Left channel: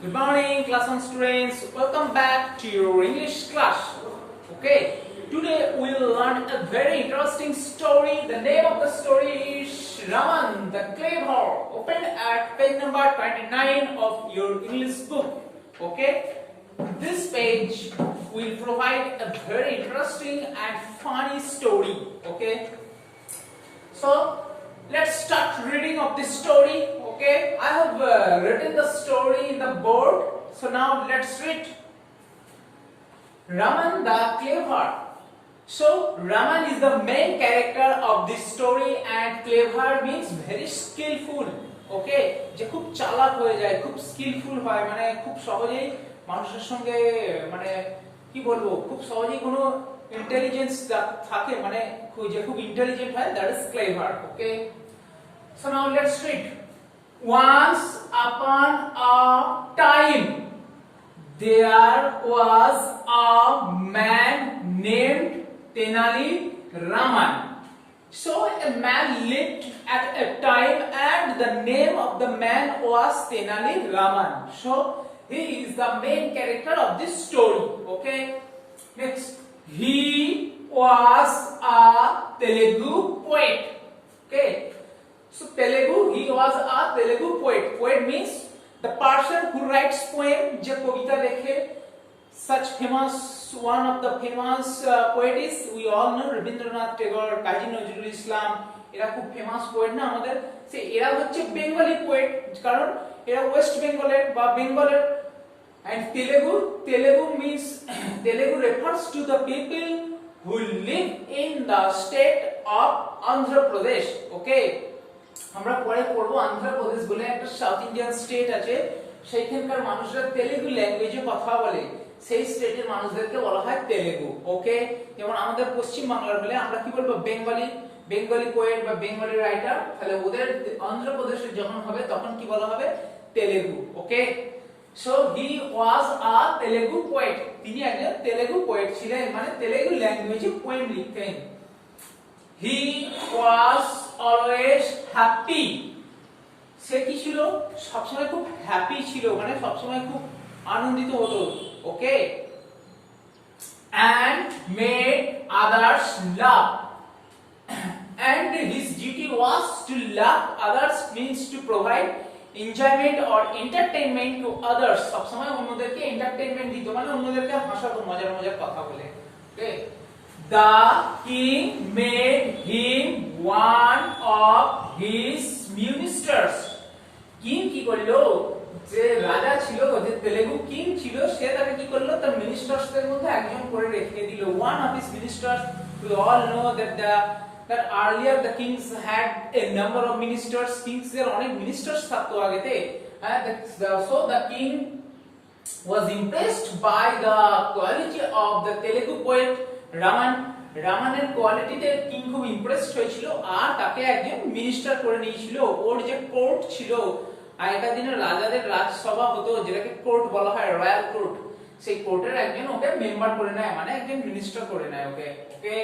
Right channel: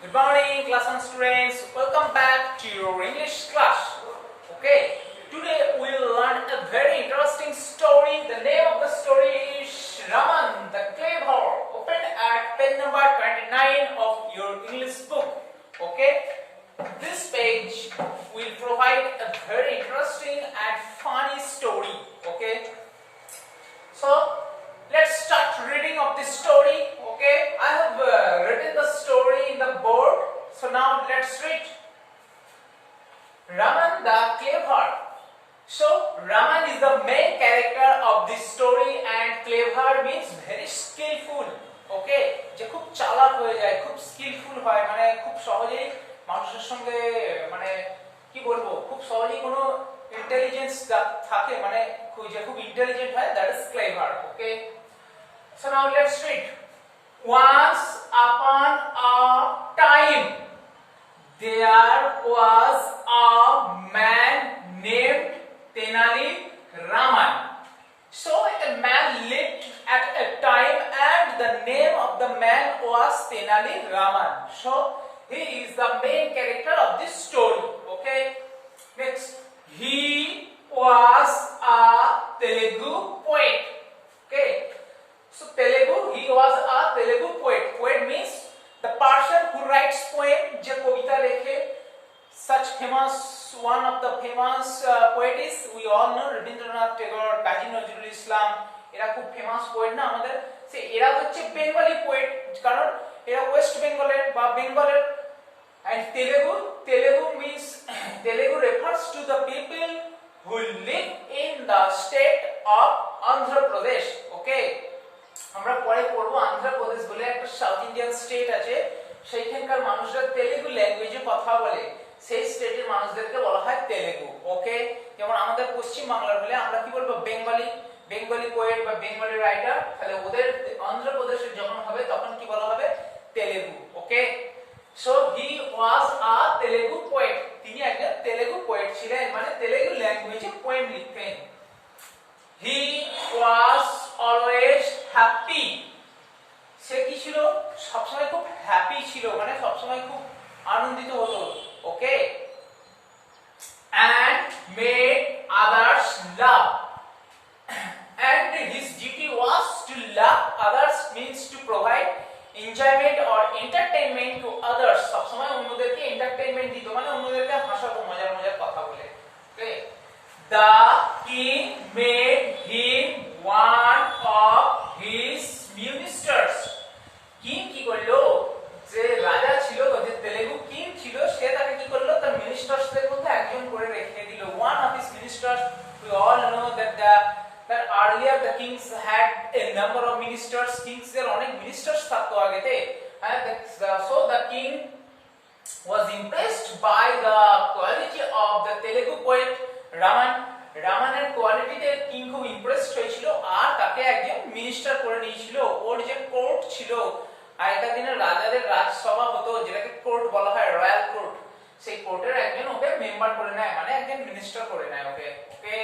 Good morning, class 1 students. Welcome back to your English class. Okay, today we will learn a very interesting story. The name of the story is Raman the Clever. Open at page number 29 of your English book. Okay, this page will provide a very interesting and funny story. Okay, so let's start reading of this story. Okay, I have written the story in the board. So now let's read. Raman the Clever. So Raman is the main character of this story, and clever means very skillful. Okay, যে খুব চালাক হয়ে যায়, খুব স্কিলফুল হয়, মানে খুব সহজেই মানুষের সঙ্গে মানে কি বলবো, খুব সহজেই কোনো ইন্টেলিজেন্স থাকে, মানে যে খুব ইন্টেলিজেন্ট হয়, that is clever. Okay, so now let's read. Once upon a time, there was a man named Tenali Raman. So a man lived at a time, and the name of the man was Tenali Raman. So he is the main character of this story. Okay. Next, he was a Telugu poet. Okay. So Telugu, he was a Telugu poet. Poet means the person who writes poem, je kavita lekhe. Such famous, one of the famous poets we all know, Rabindranath Tagore, Kazi Nazrul Islam. এরা খুব famous poet না আমাদের, সে এরা হচ্ছে Bengali poet, কারণ এরা ওয়েস্ট বেঙ্গলের বা বেঙ্গলের. And Telugu means Telugu refers to the people who live in the state of Andhra Pradesh. Okay, আমরা পরে পড়বো আন্ধ্র প্রদেশ বলে একটা সাউথ ইন্ডিয়ান স্টেট আছে, সেইখানকার মানুষরা তেলুগু ল্যাঙ্গুয়েজে কথা বলে, সেই স্টেটের মানুষদেরকে বলা হয় তেলুগু. ওকে, যেমন আমাদের পশ্চিম বাংলার হলে আমরা কি বলবো, বেঙ্গলি পোয়েট বা বেঙ্গলি রাইটার, তাহলে ওদের অন্ধ্রপ্রদেশের যখন হবে তখন কি বলা হবে, Telugu. Okay, so he was a Telugu poet. তিনি একজন তেলুগু পোয়েট ছিলেন, মানে তেলুগু ল্যাঙ্গুয়েজে পোয়েম লিখতেন. He was always happy. সে কি ছিল, সবসময় খুব হ্যাপি ছিল, মানে সবসময় খুব আনন্দিত হতো. ওকে, and made others laugh. And his duty was to laugh others, means to provide enjoyment or entertainment to others. সবসময় অন্যদেরকে এন্টারটেইনমেন্ট দিত, মানে অন্যদেরকে হাসাতো মজার মজার কথা বলে. ওকে, the king made him one of his ministers. King কি করলো, যে রাজা ছিল, যে তেলুগু কিং ছিল, সে তাকে কি করলো, তার মিনিস্টার্সদের মধ্যে একজন করে রেখে দিল. one of his ministers. We all know that earlier the kings had a number of ministers. Kings এর অনেক মিনিস্টার্স থাকতো আগেতে. So the king was impressed by the quality of the Telugu poet রামানের কোয়ালিটিতে কিং খুব ইমপ্রেসড হয়েছিল, আর তাকে একজন মিনিস্টার করে নিয়েছিল. ওর যে কোর্ট ছিল, আগেকার দিনের রাজাদের রাজসভা হতো, যেটাকে কোর্ট বলা হয়, রয়্যাল কোর্ট, সেই কোর্টের একজন ওকে মেম্বার করে নেয়, মানে একজন মিনিস্টার করে নেয়. Okay okay,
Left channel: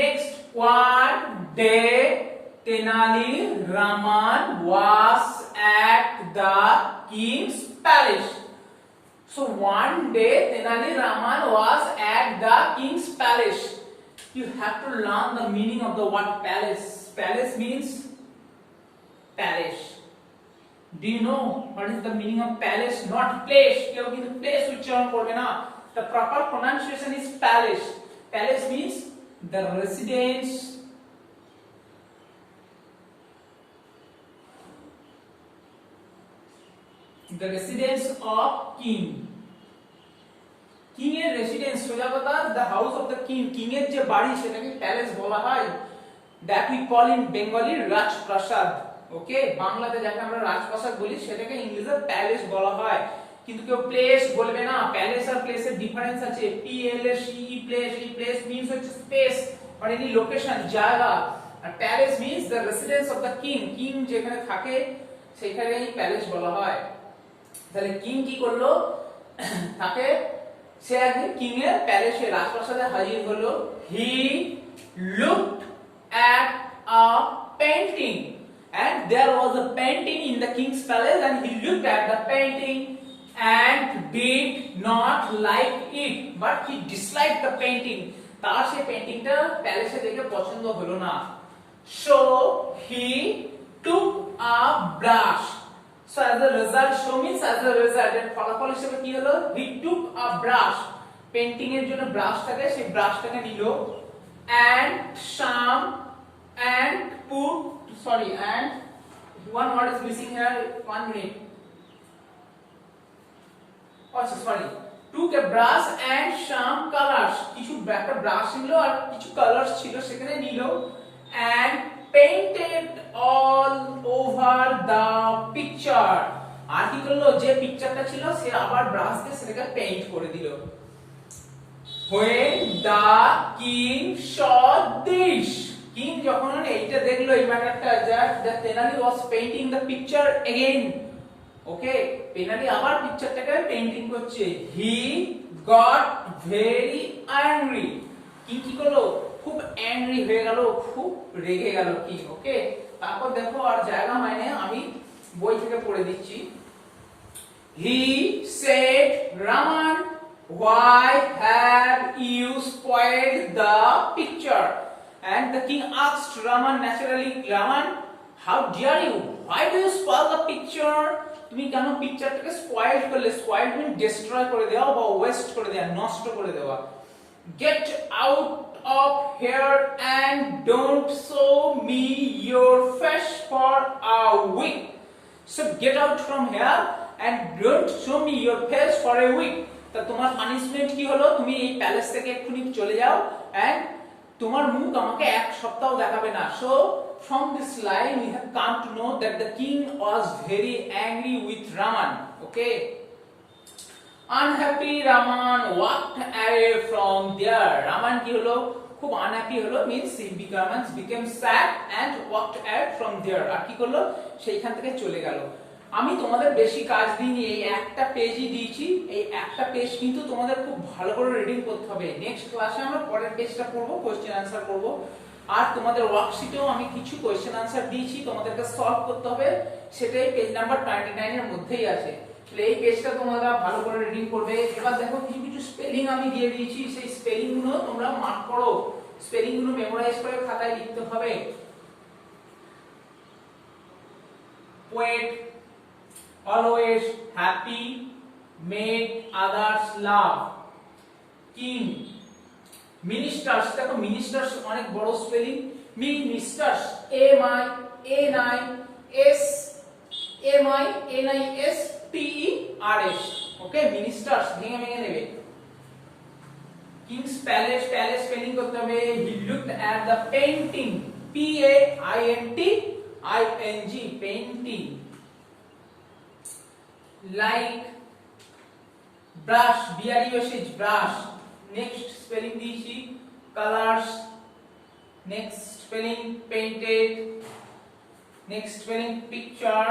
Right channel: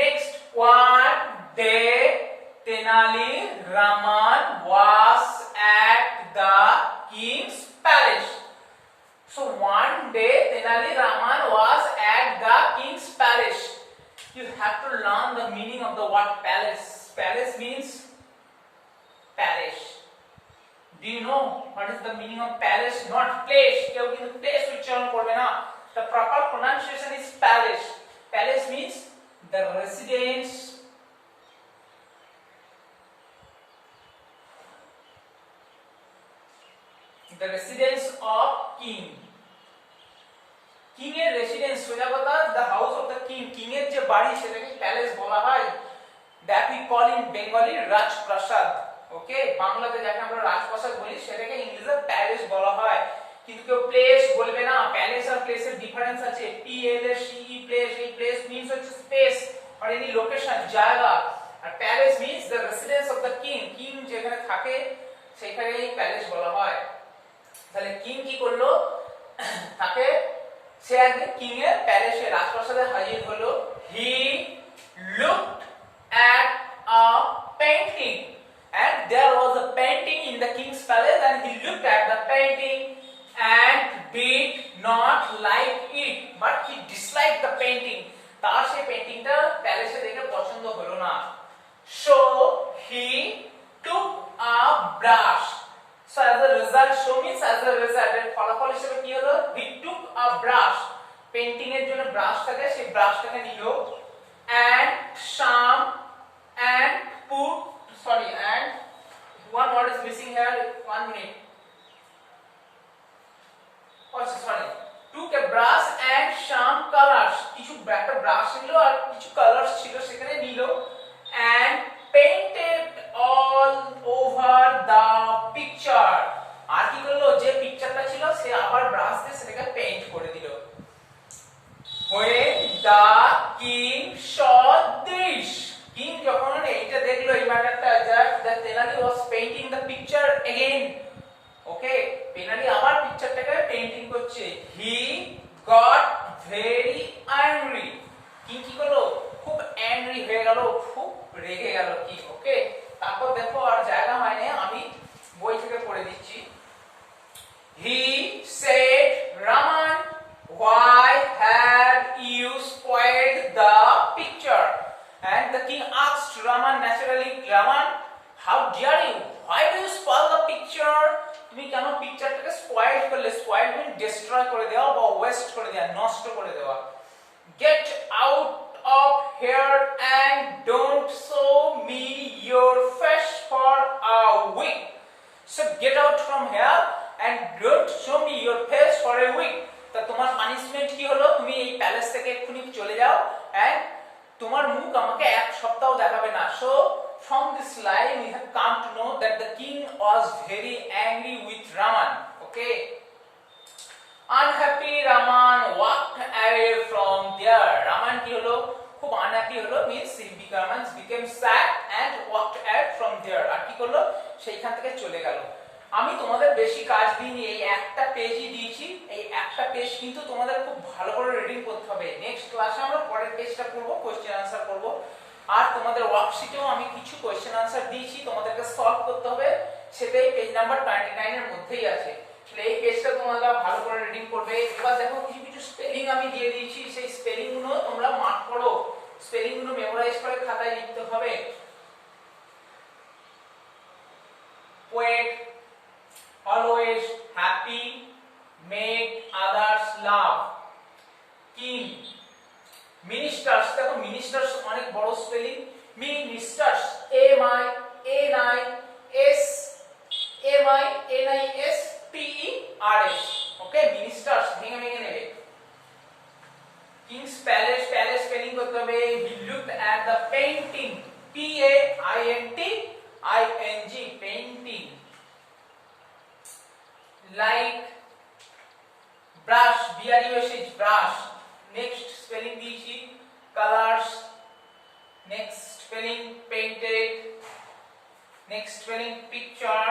next, one day Tenali Raman was at the king's palace. So one day Tenali Raman was at the king's palace. You have to learn the meaning of the word palace. Palace means palace. Do you know what is the meaning of palace? Not place. কেউ কিন্তু place উচ্চারণ করবে না. The proper pronunciation is palace. Palace means the residence, the residence of king. King এর রেসিডেন্স, সোজা কথা, the house of the king. King এর যে বাড়ি, সেটাকে প্যালেস বলা হয়. that we call in Bengali রাজপ্রাসাদ. ওকে, বাংলাতে যাকে আমরা রাজপ্রাসাদ বলি, সেটাকে ইংলিশে প্যালেস বলা হয়. কিন্তু কেউ প্লেস বলবে না. প্যালেস আর প্লেসের ডিফারেন্স আছে. P L S E place, এই প্লেস মিন্স হচ্ছে স্পেস আর এনি লোকেশন, জায়গা, আর palace means the residence of the king. King যেখানে থাকে সেখানেই প্যালেস বলা হয়. তাহলে কিং কি করলো, তাকে সে একদিন কিং এর প্যালেসে, রাজপ্রাসাদে হাজির হলো. He looked at a painting. and there was a painting in the king's palace and he looked at the painting and did not like it but he disliked the painting. তার সেই পেইন্টিংটা প্যালেসে দেখে পছন্দ হলো না, so he took a brush. So as a result, show means as a result, এর ফলাফল হিসেবে কি হলো, he took a brush, painting এর জন্য ব্রাশ থাকে, সেই ব্রাশটাকে নিল, and some and put, sorry, and one word is missing here, 1 minute. Oh sorry, took a brush and some colors, কিছু একটা ব্রাশ নিল আর কিছু কালারস ছিল সেখানে নিল, and painted all over the picture. আর কি করলো, যে পিকচারটা ছিল সে আবার ব্রাশ দিয়ে সেটাকে পেইন্ট করে দিল। When the king saw this, king যখন এইটা দেখলো এই ম্যাটারটা, that Tenali was painting the picture again, ওকে, পেনালি আবার পিকচারটাকে পেইন্টিং করছে, he got very angry. কি করলো, খুব অ্যাংরি হয়ে গেল, খুব রেগে গেল কি, ওকে। তারপর দেখো আর জায়গা মানে আমি বই থেকে পড়ে দিচ্ছি। He said, Raman, why have you spoiled the picture? And the king asked Raman naturally, Raman, how dare you? Why do you spoil the picture? তুমি কেন পিকচারটাকে স্পয়েল করলে? স্পয়েল মিন ডিস্ট্রয় করে দেওয়া বা ওয়েস্ট করে দেওয়া, নষ্ট করে দেওয়া। Get out of here and don't show me your face for a week. So get out from here and don't show me your face for a week. তা তোমার পানিশমেন্ট কি হলো, তুমি এই প্যালেস থেকে এক্ষুনি চলে যাও and তোমার মুখ আমাকে এক সপ্তাহ দেখাবে না। So from this line we have come to know that the king was very angry with Raman, okay. Unhappy Raman walked away from there. Raman কি হলো, খুব আনহ্যাপি হলো, means he became sad and walked away from there. আর কি করলো, সেইখান থেকে চলে গেল। আমি তোমাদের বেশি কাজ দিইনি, এই একটা পেজই দিয়েছি, এই একটা পেজ কিন্তু তোমাদের খুব ভালো করে রিডিং করতে হবে। নেক্সট ক্লাসে আমরা পরের পেজটা পড়বো, কোশ্চেন আনসার করব। আর তোমাদের ওয়ার্কশিটেও আমি কিছু কোশ্চেন আনসার দিয়েছি, তোমাদেরকে সলভ করতে হবে, সেটাই পেজ নাম্বার 29 এর মধ্যেই আছে। তাহলে এই পেজটা তোমরা ভালো করে রিডিং করবে। এবার দেখো কিছু কিছু স্পেলিং আমি দিয়ে দিয়েছি, সেই স্পেলিং গুলো তোমরা মার্ক করো, স্পেলিং গুলো মেমোরাইজ করে খাতায় লিখতে হবে। Poet, always happy, make others laugh. King, ministers, দেখো ministers অনেক বড় স্পেলিং, ministers, ministers, ওকে, ministers ভেঙে ভেঙে নেবে। King's palace, palace স্পেলিং করতে হবে। He looked at the painting, painting, painting. Like brush, brush, brush. Next spelling দিয়েছি colors, next spelling painted, next spelling picture,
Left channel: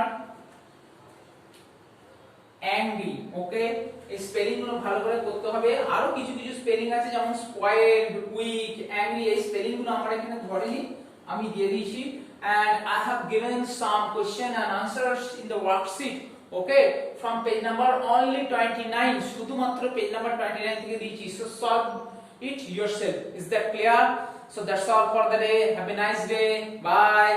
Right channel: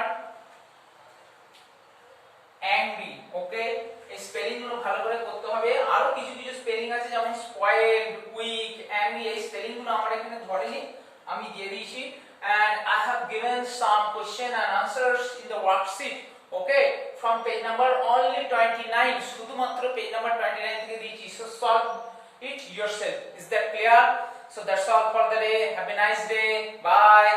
angry, okay. এই স্পেলিং গুলো ভালো করে করতে হবে। আরো কিছু কিছু স্পেলিং আছে যেমন spoiled, weak, angry, এই স্পেলিং গুলো আমার এখানে ধরেনি, আমি দিয়ে দিয়েছি। And I have given some question and answers in the worksheet, okay, from page number only 29, শুধুমাত্র পেজ নাম্বার 29 থেকে দিয়েছি। So solve it yourself. Is that clear? So that's all for the day. Have a nice day. Bye.